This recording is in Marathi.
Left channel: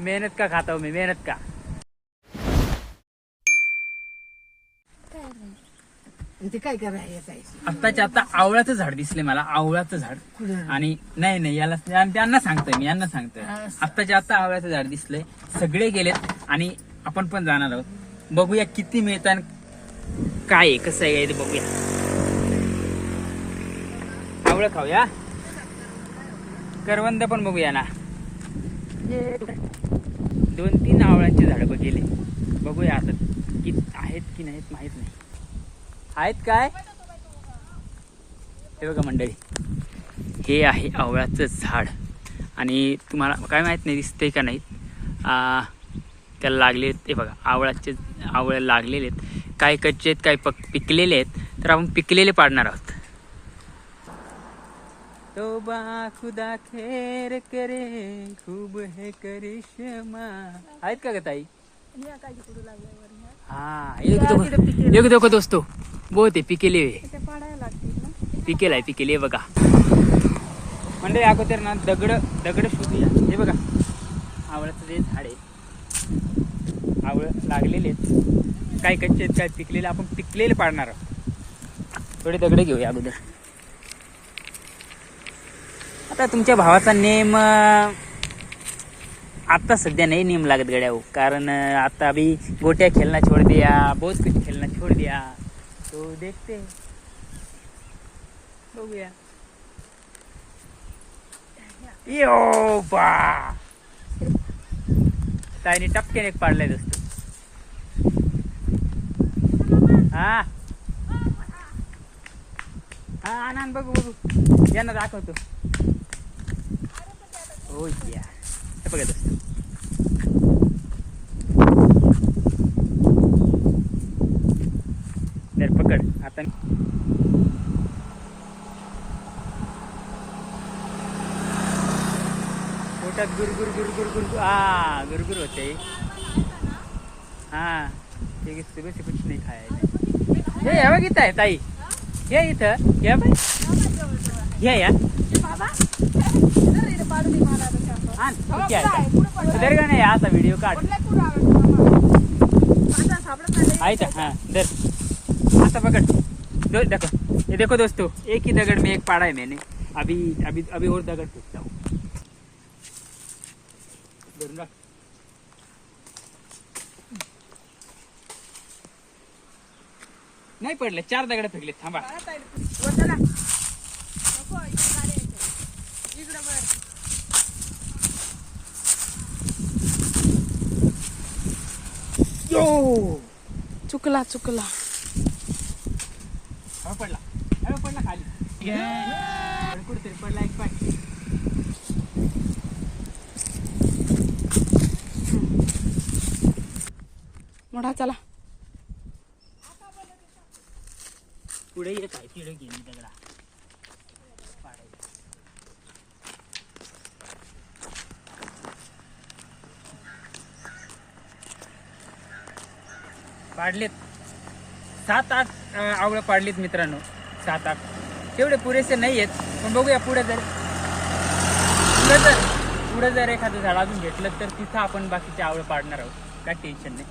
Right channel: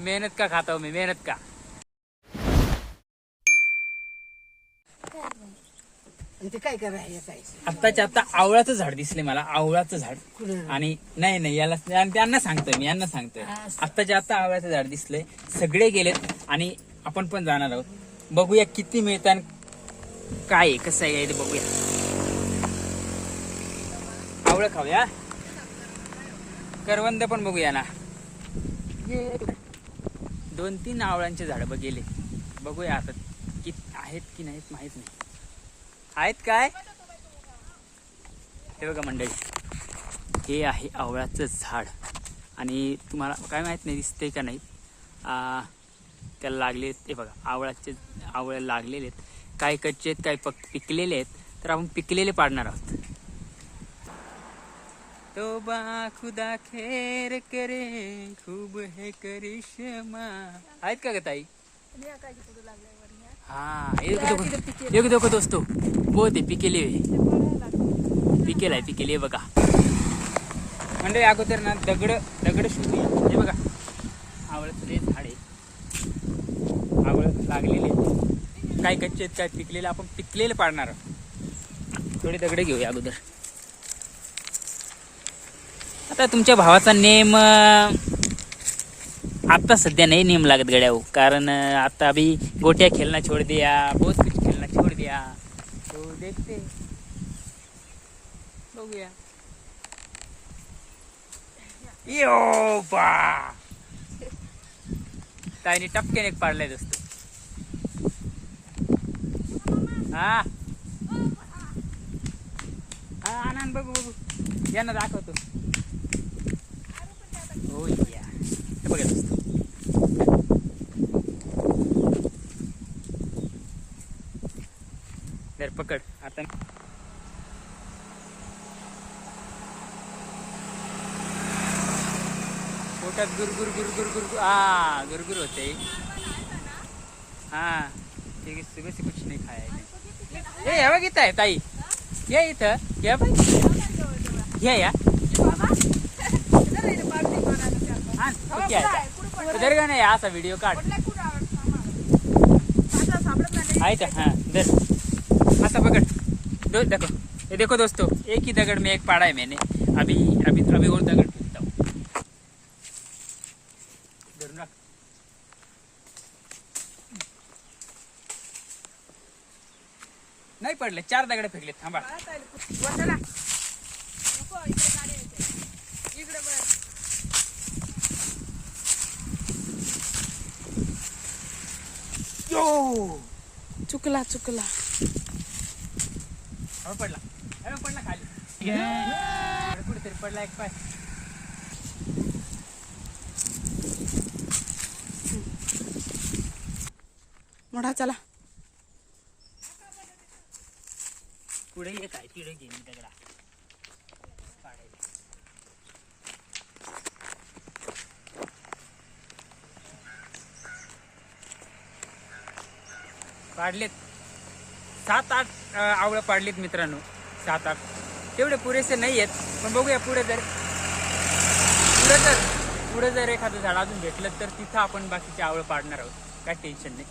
मेहनत का खाता हूँ मैं, मेहनत का. इथे काय करायचं? आत्ताच्या आता आवळाचं झाड दिसले मला, आवळाचं झाड. आणि नाही याला त्यांना सांगतोय मी, यांना सांगतोय. आत्ताच्या आता आवळाचं झाड दिसलंय, सगळे गेलेत आणि आपण पण जाणार आहोत. बघूया किती मिळतात, काय आहे, कसं आहे ते बघूया. आवळं खाऊया, करवंद पण बघूया ना. 2-3 आवळांची झाडं बघितली, बघूया आता किती आहेत की नाहीत माहित नाही. आहेत काय? हे बघा मंडळी, हे आहे आवळाचं झाड. आणि तुम्हाला काय माहित नाही दिसतंय का नाही, त्याला लागले ते बघा, आवळे लागलेले आहेत. काय कच्चे आहेत, काय पिकलेले आहेत. तर आपण पिकलेले पाडणार आहोत. तोबा खुदा खैर करे, खूब है करिश्मा. आहेत का ग ताई? हाँ, एक देखो दोस्तों, बहुत आहे पिकेले, पिकेले बघा. म्हणजे अगोदर ना दगड शोधूया. हे बघा, आवळाचं ते झाड आहे, आवळ लागलेले, काय कच्चे आहेत, काय पिकलेले. आपण पिकलेले पाडणार आहोत. थोडे दगड घेऊया अगोदर. आता तुमच्या भावाचा नेम आता सध्या नहीं नेम लागत गड्या, कारण आता अभी गोट्या खेलना छोड़ दिया, बहुत कुछ खेलना छोड़ दिया. तो देखते बघूया. यो बा, ताईने टपक्याने एक पाडलाय दोस्त. हा आनंद बघू यांना दाखवतो. हो या, बघा दोस्त, तर पकड आता. पोटात गुरगुर होते. हाँ ठीक है, सुबह से कुछ नहीं खाया है. ये बघ इथं आहे ताई, ये इथं या बाई, या इधर का नाही असा व्हिडिओ काढ. आयता हाँ दर आता पकड़ देखो, ये देखो दोस्तों, एक ही दगड़ में एक पाड़ा है मैंने. अभी और दगड़ फेंकता हूँ. नाही पडले, 4 दगड फेकले. थांबा, चुकला पडला खाली. कुठेतरी पडला एक पाय. मोठा चला पुढे येत आहे, तिकडे गेली दगडा पाडलेत. 7-8 आवळं पाडलीत मित्रांनो, 7-8. तेवढे पुरेसे नाही आहेत, पण बघूया पुढे जर एखादं झाड अजून भेटलं तर तिथं आपण बाकीचे आवळं पाडणार आहोत. काय टेन्शन नाही.